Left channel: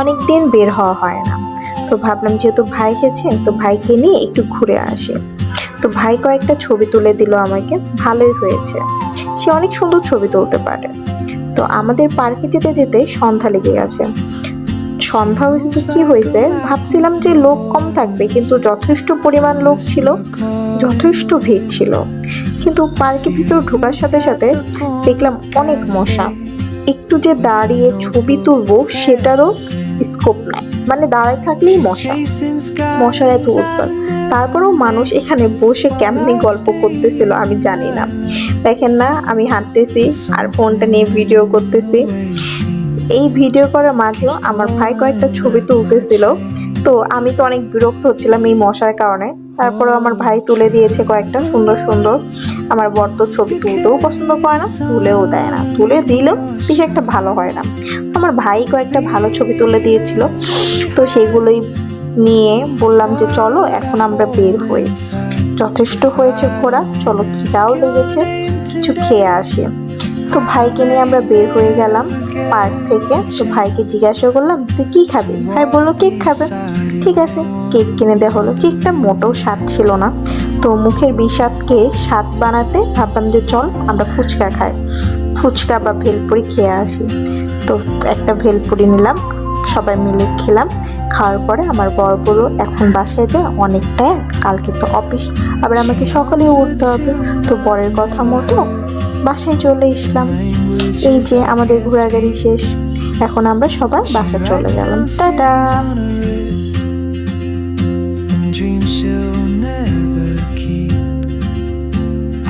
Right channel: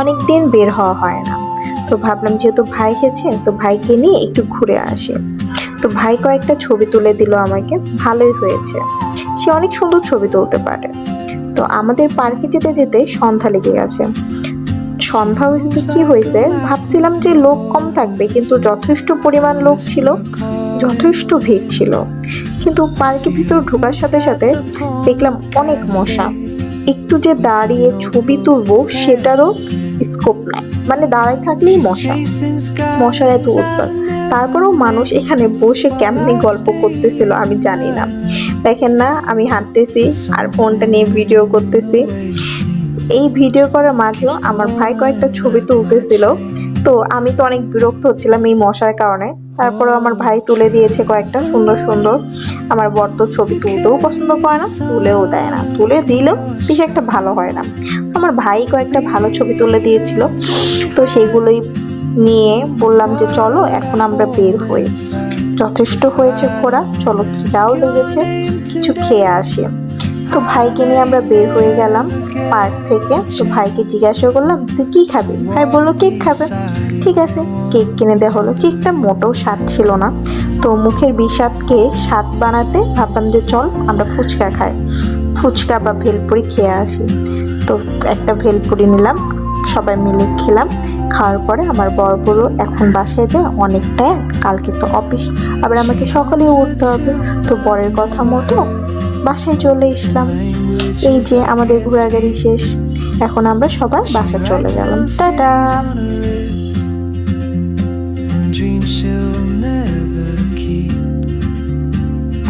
অনেক দিন বের হওয়া হয় না, তো ভাবলাম যেহেতু ভাই এসেছে তো ভাইকে নিয়ে একটু ঘুরে আসি। তো ভাই কয়েকটা ছবি তুলে দিল আমাকে, ভালোই হয়েছে। সে অনেক সুন্দর ছবি তুলতে পারে। তো আমাদের পার্কে যেতে যেতে সন্ধ্যা লেগে গেছে। সন্ধ্যা হয়েছে তো কি হয়েছে, ভাবছিলাম যে লোক কম থাকবে, কিন্তু যথেষ্ট পরিমাণ লোক ছিল, যথেষ্ট ভিড় ছিল। কিন্তু পার্কের ভিতর ঢোকার সাথে সাথে দেখলাম অনেক মশা। একটু যে দাঁড়িয়ে ছবি তুলবো সেটারও স্কোপ নাই, মানে দাঁড়ায় থাকলেই মশা, মশার এত উৎপাত। তারপরেও মানুষ এখানে বসে কেমনি গল্প করতেছিল আমি জানি না। দেখেন না, আমি হাঁটতেছি আর ফোনটা নিয়ে ভিডিও করতেছি। এই ভিডিও করার মাঝেও আমার ভাই কয়েকটা ছবি তুলতেছিল। তো আমি তো অনেক বিরক্ত হচ্ছিলাম এই মশার কারণে। তারপরে আমার ভাই তুলে দিয়েছে কয়েকটা সুন্দর সুন্দর। আমার বর তো ছবি তুলতেও পছন্দ করে না, তুলেও দেয় না, তুলে দিলেও বেশ একটা ভালো হয় না। তো আমার ভাই কয়েকটা ভালো ছবি তুলে দিয়েছিল, তো সেগুলোই নিয়ে বললাম যে চলো এখন আমরা বের হই, যথেষ্ট হয়েছে ঘোরা, চলো খিদাও লেগেছে, কিছু খেয়ে আসি। তো ভাইকে নিয়ে আমরা বের হয়ে গেলাম পার্ক থেকে। তো ভাইকে জিজ্ঞাসা করলাম তুই কি খাবি, ভাই বললো কেক খাবে। ঠিক আছে, কেক কিনে দেওয়া হলো। কেকটা মোটেও স্বাদ ছিল না, তো মুখের বিষাদকে স্বাদ বানাতে ভাবলাম যে চল আমরা ফুচকা খাই, ফুচকা বা ভেলপুরি খেয়ে আসি। তো একটা ভেলপুরি নিলাম, সবাই মিলে খেলাম। খাওয়ার পরে আমার বর বলল এখন বাসায় যা, অনেক টায়ার্ড, কালকে তো অফিস, আবার আমাকে সকালে উঠতে হবে। তো বরের কথা মতো বাসায় চলে আসলাম। এই যে আমাদের ঘোরাঘুরি শেষ, এখন আমরা সবাই বাসা চলে গেলাম, tata. Dreams she'll never keep.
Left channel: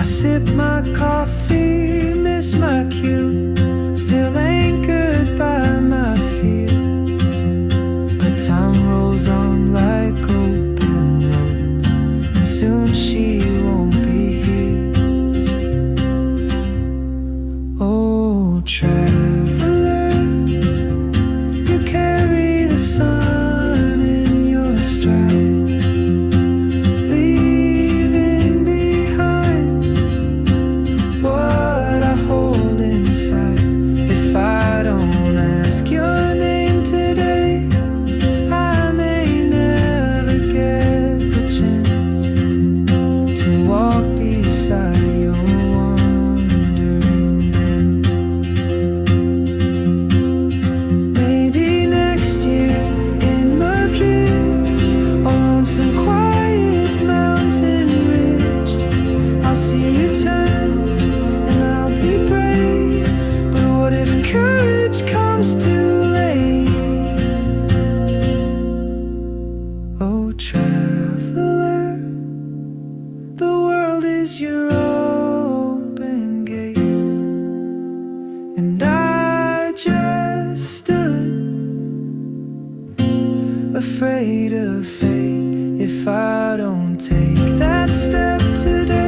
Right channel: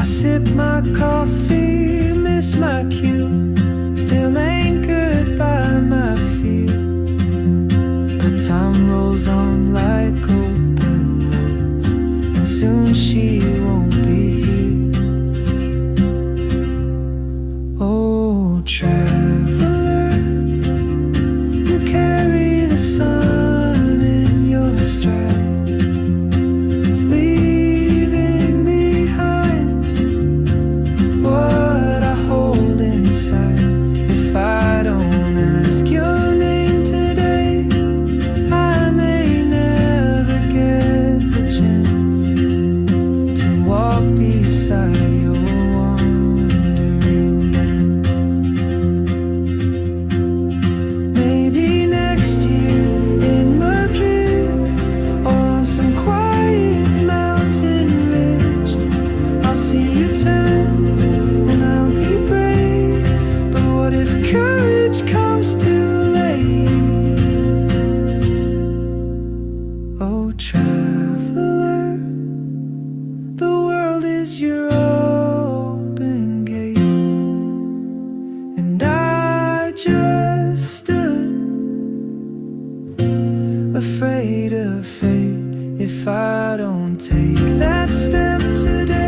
I sip my coffee, miss my cue, still anchored by my fear. But time rolls on like open roads, and soon she won't be here. Oh, traveler, you carry the sun in your stride, leaving behind what I hold inside. If I don't ask your name today, I may never get the chance to walk beside your wandering dance. Maybe next year in Madrid, or on some quiet mountain ridge, I'll see you turn and I'll be brave. But what if courage comes too late? Oh, traveler, the world is your open gate, and I just stood afraid of fate. If I don't take that step today,